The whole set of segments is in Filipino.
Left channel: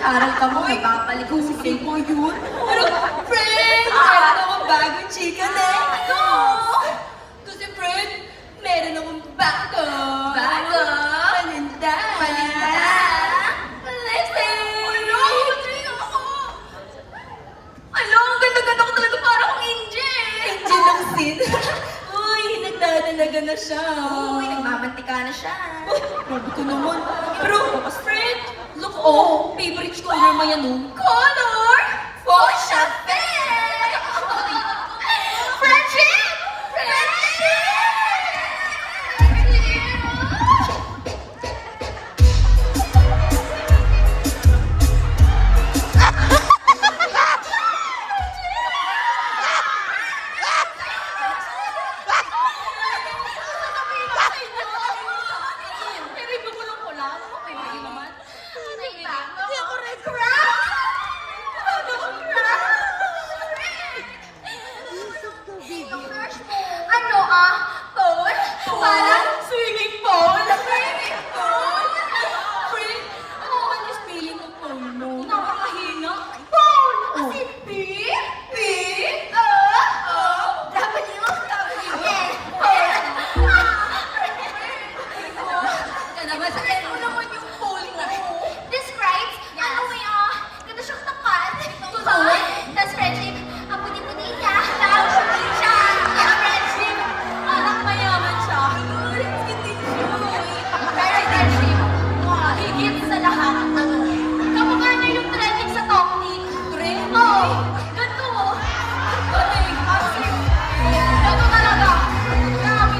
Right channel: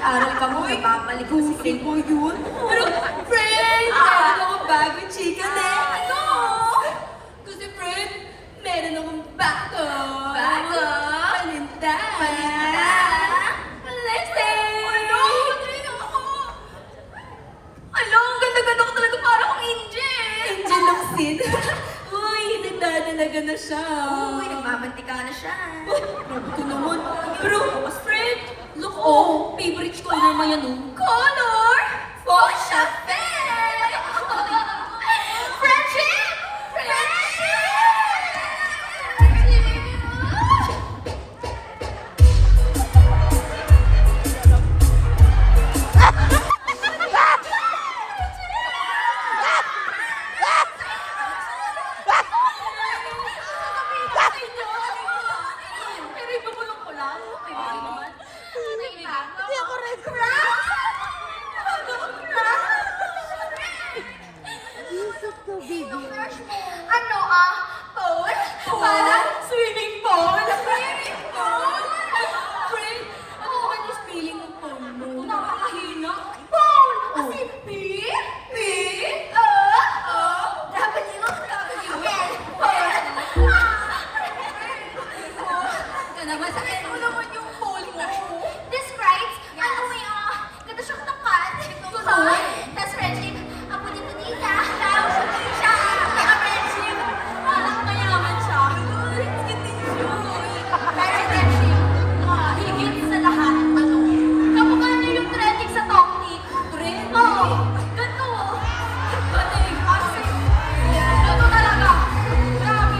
Makiaral ka mo, papalikusin ko yun. Pero, friend, meron akong bagong chika na. Ano? Kasi, friend, meron akong bago. Bago? Paninda. Blessing! Ano? Ano? Ang ganda-ganda ko talaga, parang angel. Angel ng sin. Uy, nagdadalaga na siya. Uy, nagmamantika na siya. Grabe ko naman. Pero, friend, look, oh, favorite color mo yan, oh. Color? Fuchsia pink! Friendship! Ano Pool? Parang swimming pool. Swimming pool. Friend, ano naman yung spelling ng pool mo? Nakakahina. Pool! Kasi P? P? W? Yes. Ka naman sa ano naman yung pool mo? Describes, ano may ganda siyang tapat. That's friendship. Ang puni-puni niya. Tapos siya. Kaya friendship. Mayaman siya. Hindi siya. Very friendship. Higit sa lahat. Kamukha na yung trending sa Toktik. Trending? Oo. Ganito mo. Galing. Kasi, ganito talaga. Grabe.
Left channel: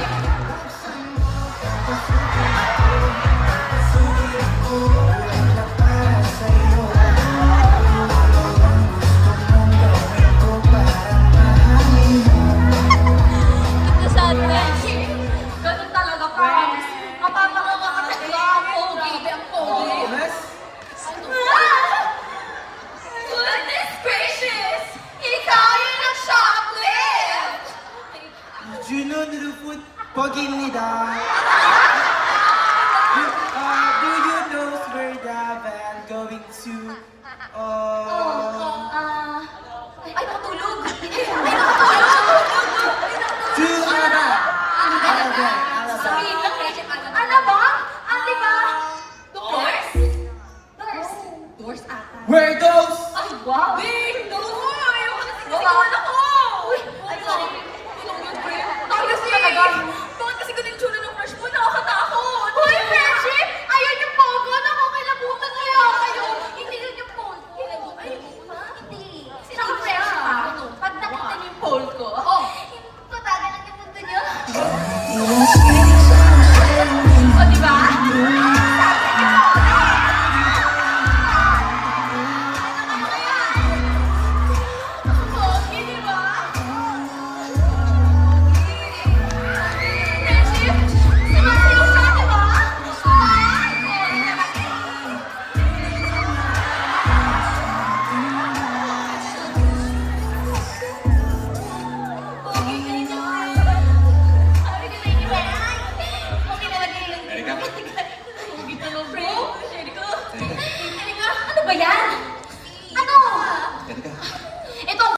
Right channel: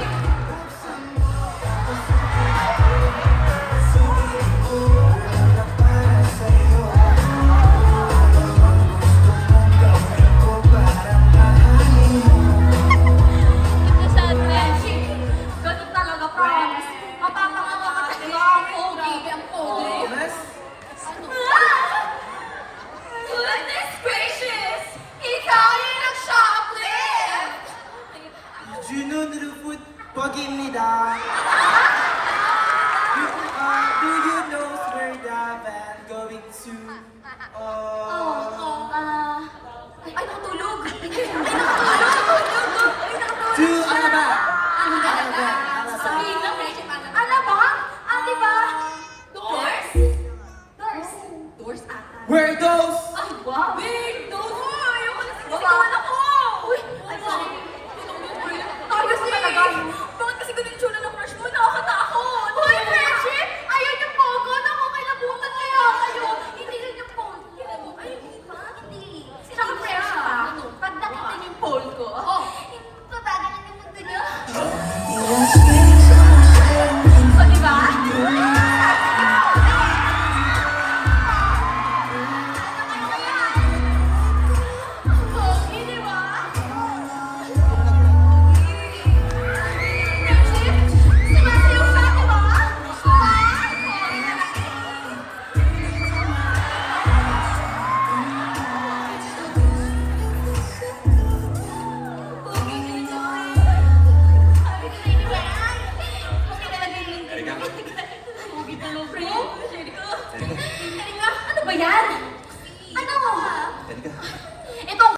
Ganun talaga, promise. Mapapanganga ka talaga ako. Grabe ang pogi. Goodness gracious! Ikaw yung nag-shoplift! 준호 누르풋 버기입니다. Do you know where the van going to? Ay, natulog. To Alabang. Sorry, location pa naman. Ano ba? Ate ba? Doors? Doors. Doors ata. Where goes? Ay, wow. Wait! Doors! Ayaw ko na Diba? ako! Uy, Ay, ano? tulong yung friend. Ayos talaga. Tungan kasi ganun yung tsura ng crush mo. Nakakatakot! Uy, friendship! Ayun yung pogo na kukilabutan kaya kayo. Hindi yun yung pogo. Ay, hindi. Tsaka friendship pag nakita niyo yung Pole ko. ito dadalan yung mundo niyo. O, diba? Pogi, diba? Friendship, sumasayaw siya, diba? Pogi, ganito. Sabi ko na yun, pogi talaga yun. Pogi tulong, bro. Share ko. Halika, ano ba yan?